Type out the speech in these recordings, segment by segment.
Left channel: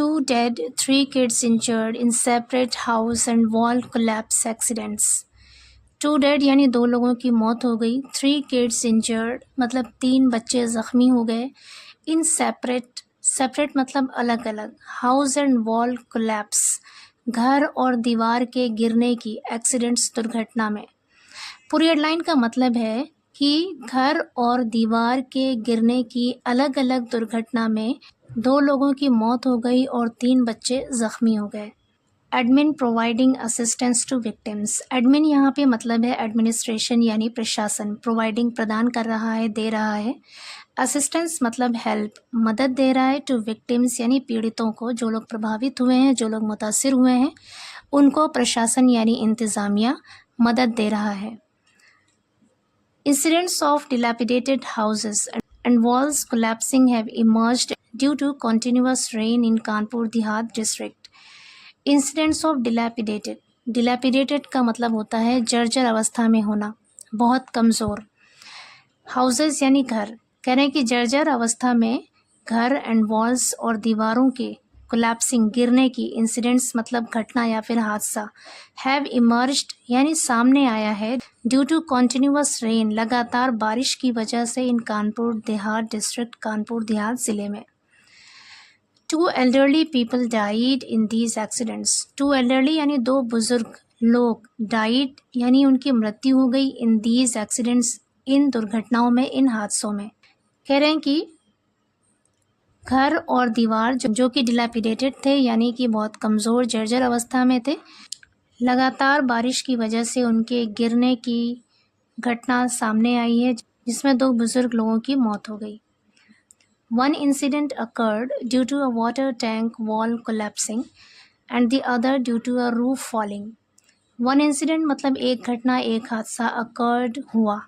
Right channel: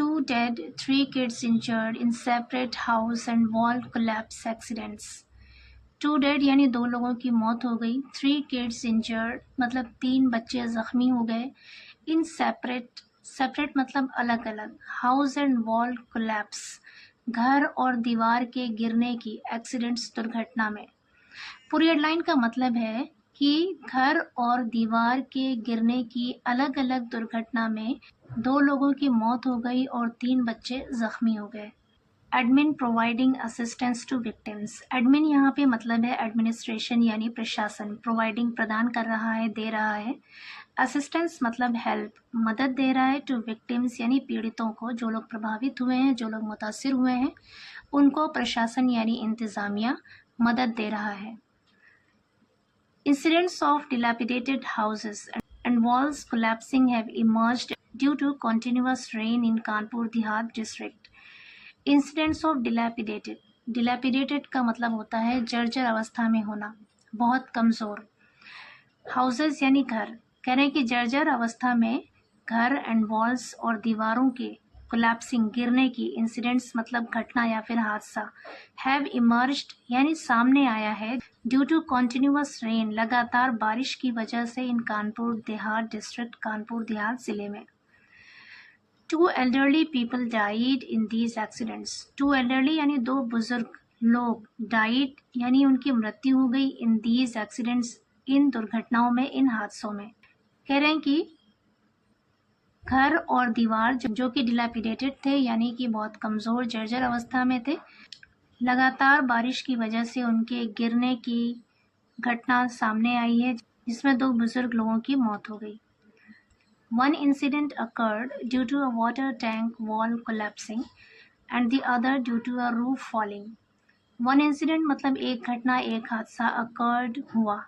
2 dead, 3 kids injured in separate house and wall collapse accidents. 2 dead यानी 2 लोगों की मौत हो गई, 3 kids injured मतलब 3 बच्चे ज़ख्मी हो गए, in separate मतलब अलग अलग, house and wall collapse घर और दीवार के गिरने की, accidents दुर्घटना में। पूरी हेडलाइन का मतलब है कि घर और दीवार के गिरने की अलग अलग दुर्घटना में 2 लोगों की मौत हो गई और 3 बच्चे जख्मी हो गए। Admin providing assistance to victims. Admin यहाँ पे मतलब है एडमिनिस्ट्रेशन यानी प्रशासन, प्रोवाइडिंग प्रदान कर रहा है, दे रहा है। असिस्टेंस मतलब हेल्प, मदद दे रहा है, टू विक्टिम्स यानी पीड़ितों को, जो लोग प्रभावित हुए हैं, जो लोग मुतासिर हुए हैं, उनको प्रशासन यानी इंतज़ामिया मदद दे रहा है। Incidents of dilapidated houses and walls collapsing have emerged due to continuous rain in Kanpur Dehat district. Incidents of dilapidated का मतलब होता है जर्जर अवस्था में होना, बहुत कमज़ोर। Houses यानी घर, कह रहे हैं कि जर्जर अवस्था में घर एंड वॉल्स और दीवारों के कोलैप्सिंग गिरने की, इंसिडेंट्स मतलब घटना या फिर हादसा, हैव इमर्ज्ड यानी सामने आया है, ड्यू टू कॉन्टिन्यूअस रेन लगातार बारिश की वजह से, इन कानपुर देहात डिस्ट्रिक्ट, कानपुर देहात ज़िले में। 2 elderly people died in these accidents. 2 elderly यानी 2 बुजुर्ग लोग, died यानी उनकी मृत्यु हो गई, in these accidents इन दुर्घटनाओं में, इन हादसों में। कह रहे हैं कि घर और दीवार जो कि डिलैपिडेटेड थे यानी कि बहुत कमज़ोर जर्जर अवस्था में थे, लगातार बारिश की वजह से उनके गिरने की घटना सामने आई है, जिसमें 2 बुजुर्ग लोगों की मौत हो गई। One incident occurred due to a water tank wall collapsing and the other due to a roof falling. One incident मतलब एक घटना, एक हादसा, occurred हुआ।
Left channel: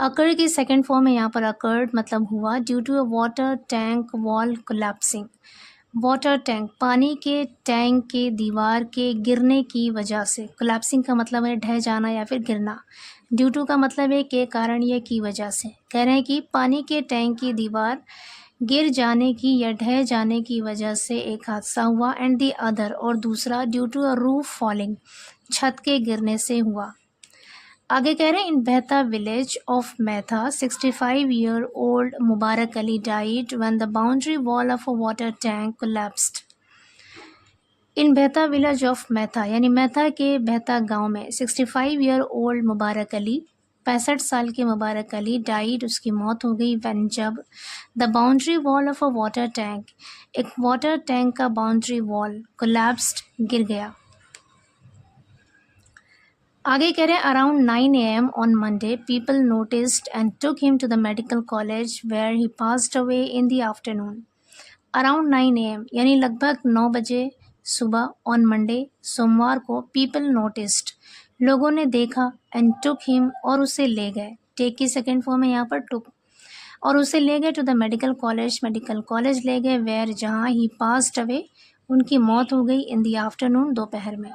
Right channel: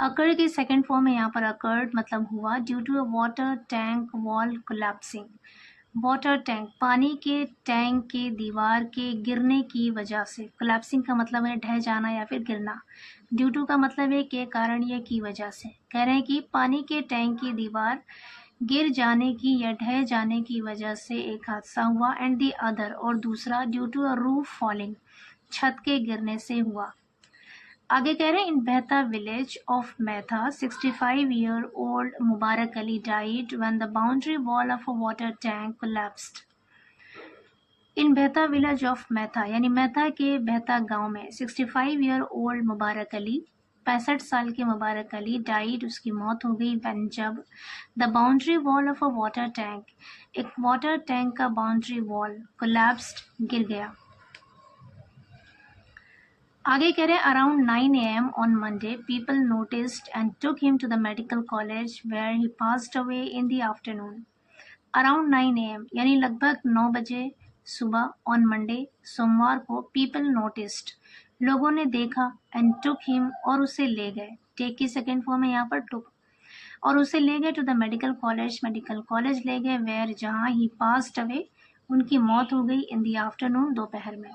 अकर की सेकेंड फॉर्म है यहाँ पर अकर्ड मतलब हुआ, due to a water tank wall collapsing. Water tank पानी के टैंक के दीवार के गिरने की वजह से, कोलैप्सिंग का मतलब है ढह जाना या फिर गिरना, ड्यू टू का मतलब है के कारण या की वजह से। कह रहे हैं कि पानी के टैंक की दीवार गिर जाने की या ढह जाने की वजह से एक हादसा हुआ, एंड दी अदर और दूसरा due to a roof falling छत के गिरने से हुआ। आगे कह रहे हैं इन Behta village of Maitha 65-year-old Mubarak Ali died when the boundary wall of a water tank collapsed. In Behta village of मैथा यानी मैथा के बेहता गांव में 65-year-old मुबारक अली, 65 साल के मुबारक अली, डाइड उसकी मौत हो गई, व्हेन जब, the boundary wall of a water tank एक वाटर टैंक का बाउंड्री वॉल कोलैप्स्ड गिर गया। आगे कह रहे हैं around 9 AM on Monday people noticed and took him to the medical college where he passed away in the afternoon. Around 9 AM यानी लगभग 9 बजे सुबह, ऑन मंडे सोमवार को, पीपल नोटिस्ड लोगों ने देखा, एंड टुक हिम और उसे ले गए, टेक की सेकेंड फॉर्म है यहाँ पर टुक, और उसे ले गए टू द मेडिकल कॉलेज ले गए, वेयर जहाँ, ही पास्ड अवे उनकी मौत हो गई, इन द आफ्टरनून दोपहर में।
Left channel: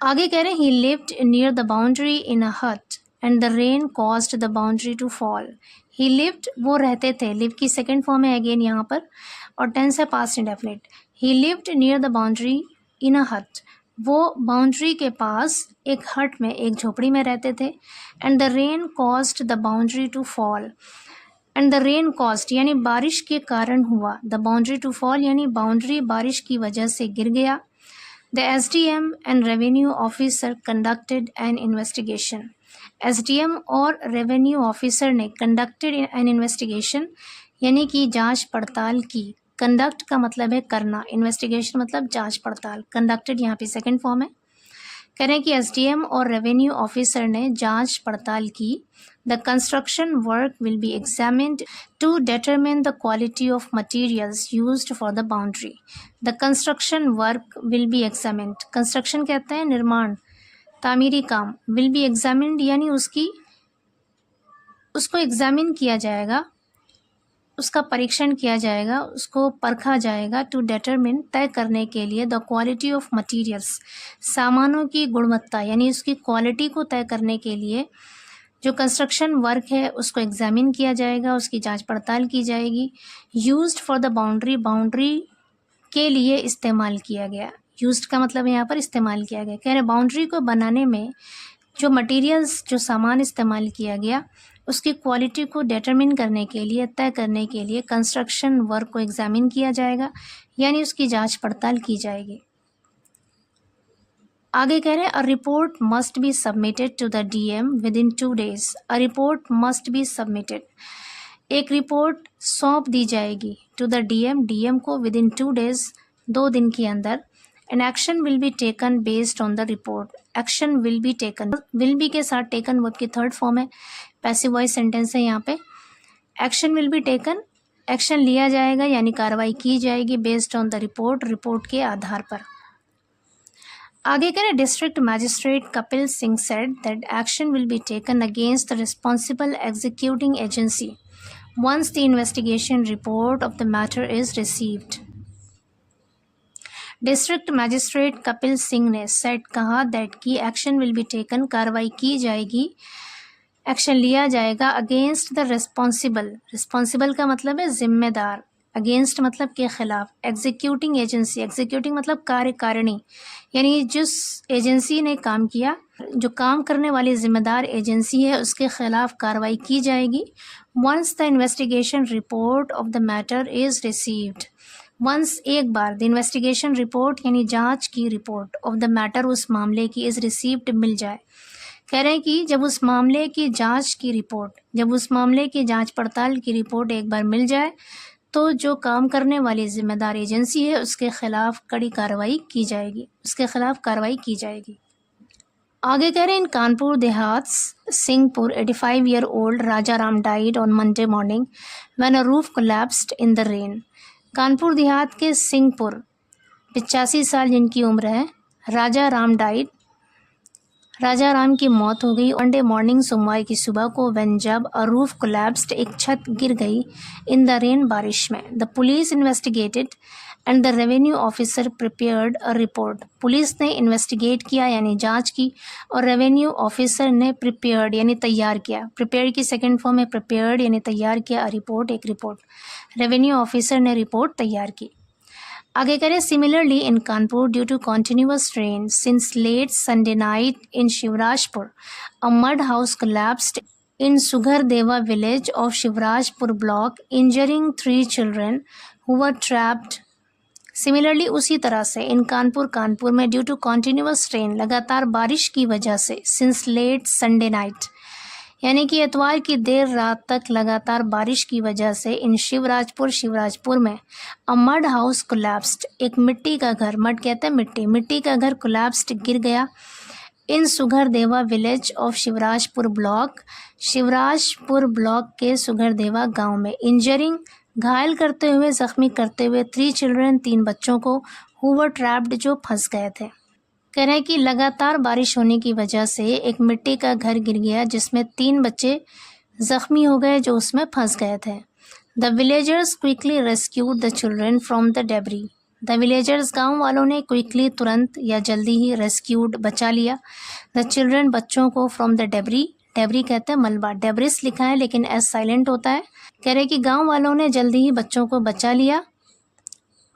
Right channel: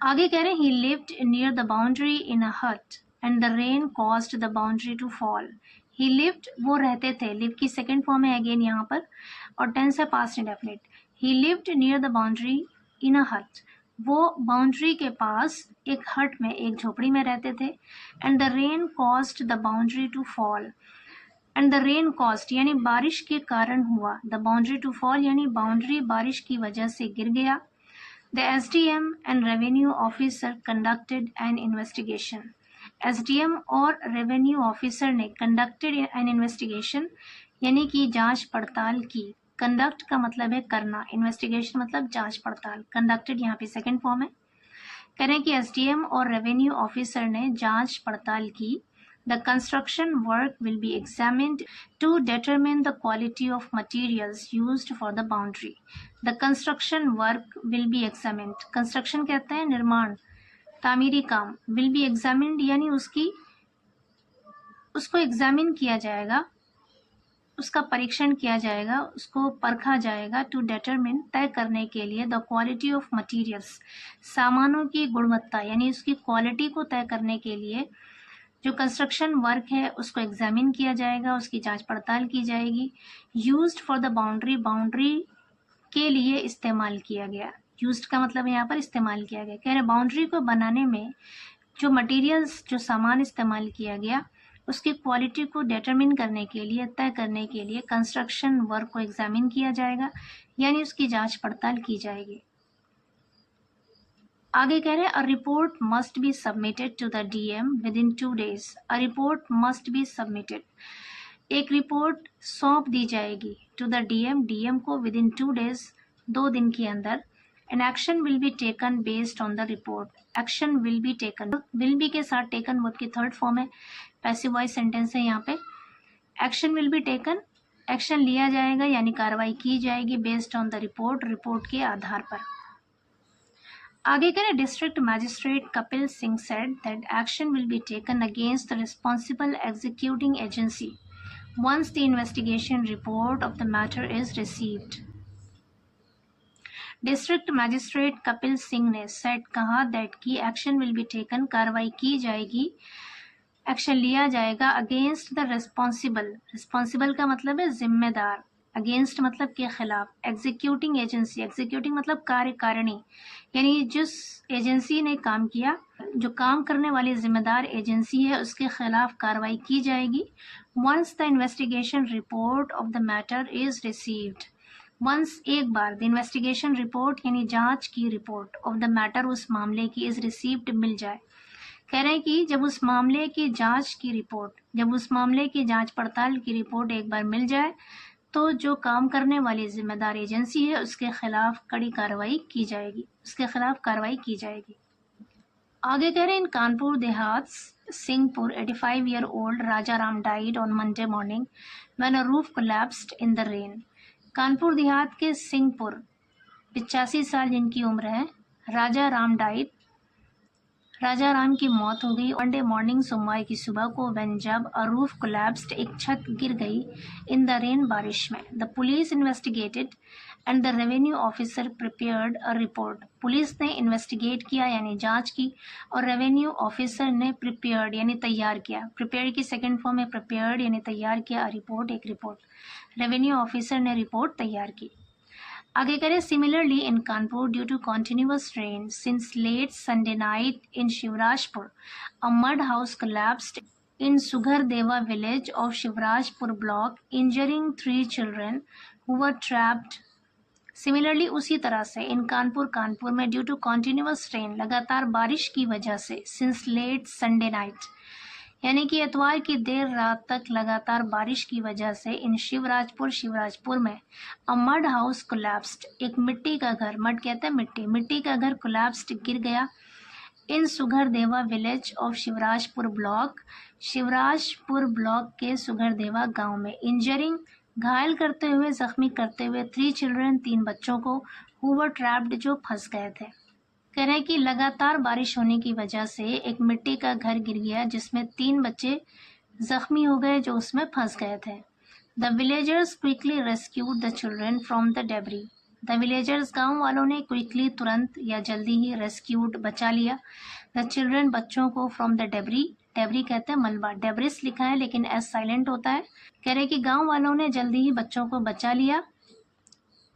आगे कह रहे हैं he lived near the boundary in a hut and the rain caused the boundary to fall. He lived वो रहते थे, लिव की सेकेंड फॉर्म है अगेन यहाँ पर, और टेंस है past indefinite. He lived near the boundary in a hut, वो बाउंड्री के पास एक हट में, एक झोपड़ी में रहते थे, and the rain caused the boundary to fall, and the rain caused यानी बारिश के कारण हुआ, द बाउंड्री टू फॉल यानी बाउंड्री बारिश की वजह से गिर गया। The SDM and revenue officer conducted an investigation. SDM और revenue officer ने conducted an investigation यानी कि जांच पड़ताल की। conduct का मतलब है करना, investigation मतलब जांच पड़ताल, conducted यहाँ पे सेकेंड फॉर्म है। कह रहे हैं कि SDM और revenue officer ने जांच पड़ताल की। The construction work will be examined to determine the quality of materials used for the boundary. The construction work will be examined. Construction कहते हैं निर्माण, तामीरी काम, will be examined यानी उसको एग्जामिन किया जाएगा, उसका परीक्षण किया जाएगा, उसको परखा जाएगा, टू determine तय करने के लिए, the quality of materials सामानों की गुणवत्ता यानी उसकी क्वालिटी को तय करने के लिए, जो कंस्ट्रक्शन वर्क है उसको एग्जामिन किया जाएगा, उसकी जांच पड़ताल की जाएगी। Used for the boundary, boundary के लिए इस्तेमाल किया गया। यूज्ड का मतलब यहाँ पर इस्तेमाल किया गया। कह रहे बाउंड्री को बनाने में जो मटेरियल्स, जो सामान इस्तेमाल किया गया, उसकी क्वालिटी को डिटरमिन करने के लिए, तय करने के लिए कंस्ट्रक्शन वर्क को एग्जामिन किया जाएगा, यानी उसकी जांच पड़ताल की जाएगी। आगे कह रहे हैं a report must be submitted to the DM within 2 days। A report must be submitted, एक रिपोर्ट सौंप दी जाएगी टू द डीएम, डीएम को विद इन 2 days, 2 दिन के अंदर। An action will be taken based on the report. Action will be taken, will be के साथ टेकन वर्ब की थर्ड फॉर्म है, पैसिव वॉइस सेंटेंस है यहाँ पे। Action will be taken, action लिया जाएगा यानी कार्रवाई की जाएगी based on the report, report के आधार पर। आगे करें district magistrate Kapil Singh said that action will be taken against the responsible executing agency once the investigation report of the matter is received। District magistrate Kapil Singh ने सेट कहा दैट की action will be taken, कार्रवाई की जाएगी, एक्शन लिया जाएगा against the responsible, responsible का मतलब है जिम्मेदार, अगेंस्ट मतलब के खिलाफ, एग्जीक्यूटिंग एजेंसी, एग्जीक्यूटिंग मतलब कार्यकारिणी, यानी जिस एजेंसी ने काम किया, जो काम करने वाली जिम्मेदार एजेंसी है उसके खिलाफ कार्रवाई की जाएगी। Once the investigation report of the matter is received, once एक बार, द इन्वेस्टिगेशन रिपोर्ट यानी जांच की रिपोर्ट ऑफ द मैटर उस मामले की, इज रिसीव्ड मिल जाए। कह रहे हैं कि जब उस मामले की जांच की रिपोर्ट, जब उस मामले की जांच पड़ताल की रिपोर्ट एक बार मिल जाए तो जो काम करने वाली जिम्मेदार एजेंसी है उसके खिलाफ कड़ी कार्रवाई की जाएगी, उसके खिलाफ कार्रवाई की जाएगी। आगे कह रहे हैं इन Kanpur Dehat Singhpur 85-year-old Raja Ram died on Monday morning when a roof collapsed in the rain. Kanpur Dehat के सिंहपुर 85 साल जिनकी उम्र है, राजा राम डाइड, राजा राम की मौत हो गई मंडे मॉर्निंग, सोमवार की सुबह को, व्हेन जब अ रूफ कोलैप्स्ड, एक छत गिर गई, इन द रेन बारिश में। The police investigated and the revenue officer prepared a report. Police ने इन्वेस्टिगेट किया यानी जांच की, और रेवेन्यू ऑफिसर ने प्रिपेयर्ड यानी तैयार किया, प्रिपेयर्ड की सेकंड फॉर्म है प्रिपेयर्ड यानी तैयार किया, अ रिपोर्ट एक रिपोर्ट, रेवेन्यू ऑफिसर ने रिपोर्ट तैयार की। आगे करें similarly in Kanpur due to continuous rain since late Sunday night in Shivrajpur a mud house collapsed in Sughardeva village of Shivrajpur block injuring 3 children who were trapped। Similarly उसी तरह से इन कानपुर, कानपुर में ड्यू टू कॉन्टिन्यूअस रेन, लगातार बारिश की वजह से, सिंस लेट संडे नाइट यानी कि एतवार की देर रात तक लगातार बारिश की वजह से, इन शिवराजपुर, शिवराजपुर में अ मड हाउस कोलैप्स्ड, एक मिट्टी का घर, मड कहते हैं मिट्टी, मिट्टी का घर कोलैप्स्ड गिर गया, in Sughardeva village of Shivrajpur block, Shivrajpur block के सुघरदेवा गांव में, इंजरिंग घायल करते हुए, जख्मी करते हुए, 3 children 3 बच्चों को, हु वर ट्रैप्ड जो फंस गए थे। कह रहे हैं कि लगातार बारिश होने की वजह से एक मिट्टी का घर गिर गया जिसमें 3 बच्चे जख्मी हो गए जो उसमें फंस गए थे। The villagers quickly rescued the children from the debris. The villagers गांव वालों ने क्विकली तुरंत या जल्दी ही रेस्क्यूड बचा लिया, द चिल्ड्रन बच्चों को, फ्रॉम द डेबरी, डेबरी कहते हैं मलबा, डेबरिस लिखा है लेकिन एस साइलेंट होता है। कह रहे कि गाँव वालों ने जल्दी ही बच्चों को बचा लिया,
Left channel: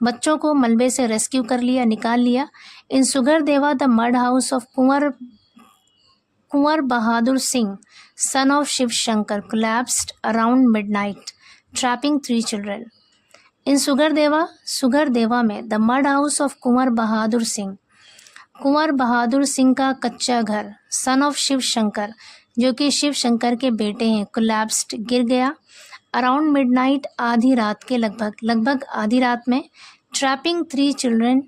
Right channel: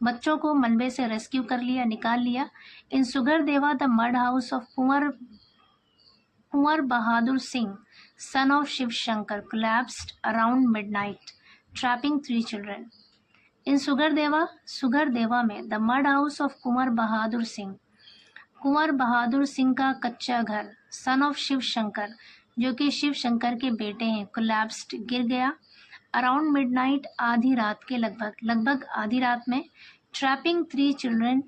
बच्चों को मलबे से रेस्क्यू कर लिया, निकाल लिया। In Sughardeva the mud house of Kunwar Bahadur Singh son of Shiv Shankar collapsed around midnight trapping 3 children। In Sughardeva में the mud house of Kunwar Bahadur Singh का कच्चा घर, सन ऑफ शिव शंकर जो कि शिव शंकर के बेटे हैं, कोलैप्स्ड गिर गया, अराउंड मिडनाइट आधी रात के लगभग आधी रात में, ट्रैपिंग 3 children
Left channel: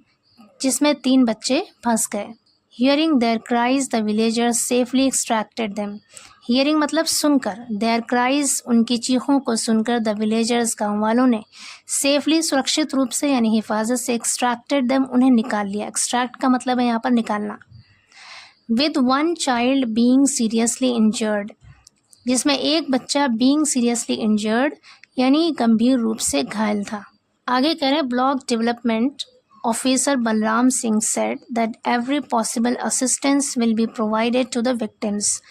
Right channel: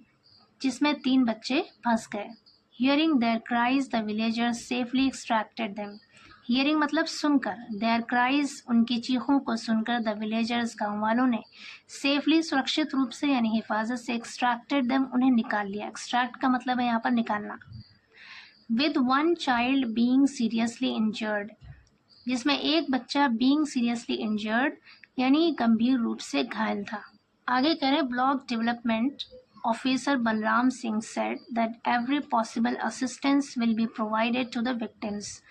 जिसमें 3 बच्चे फंस गए। Hearing their cries the villagers safely extracted them. Hearing मतलब सुनकर, देयर क्राइज उनकी चीखों को सुनकर, द विलेजर्स गाँव वालों ने, सेफली सुरक्षित रूप से यानी हिफाजत से, एक्सट्रैक्टेड देम उन्हें निकाल लिया। एक्सट्रैक्ट का मतलब है यहाँ पर निकालना। With 1 child being seriously injured, जिसमें एक बच्चा बीइंग सीरियसली इंजर्ड यानी गंभीर रूप से घायल था। आगे कह रहे हैं block development officer Balram Singh said that every possible assistance will be provided to the victims.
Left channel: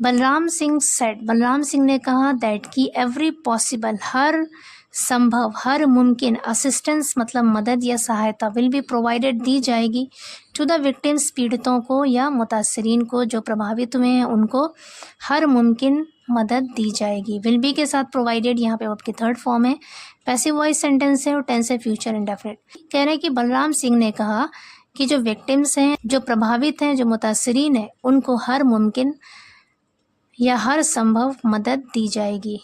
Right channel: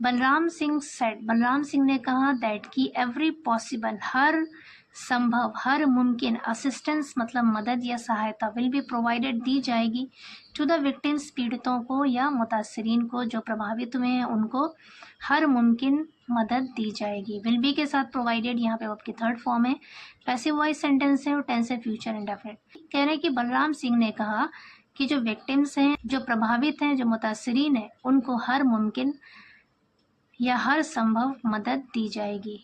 Balram Singh said, Balram Singh ने कहा दैट कि एवरी पॉसिबल, हर संभव, हर मुमकिन, असिस्टेंस मतलब मदद या सहायता, विल बी प्रोवाइडेड दी जाएगी टू द विक्टिम्स, पीड़ितों को या मुतासरीन को जो प्रभावित हुए हैं उनको हर मुमकिन मदद दी जाएगी। विल बी के साथ प्रोवाइडेड यहाँ पे आपकी थर्ड फॉर्म है, पैसिव वॉइस सेंटेंस है और टेंस है फ्यूचर इंडेफिनिट। कह रहे हैं कि बलराम सिंह ने कहा कि जो विक्टिम्स हैं, जो प्रभावित हैं, जो मुतासरीन हैं, उनको हर मुमकिन या हर संभव मदद दी जाएगी।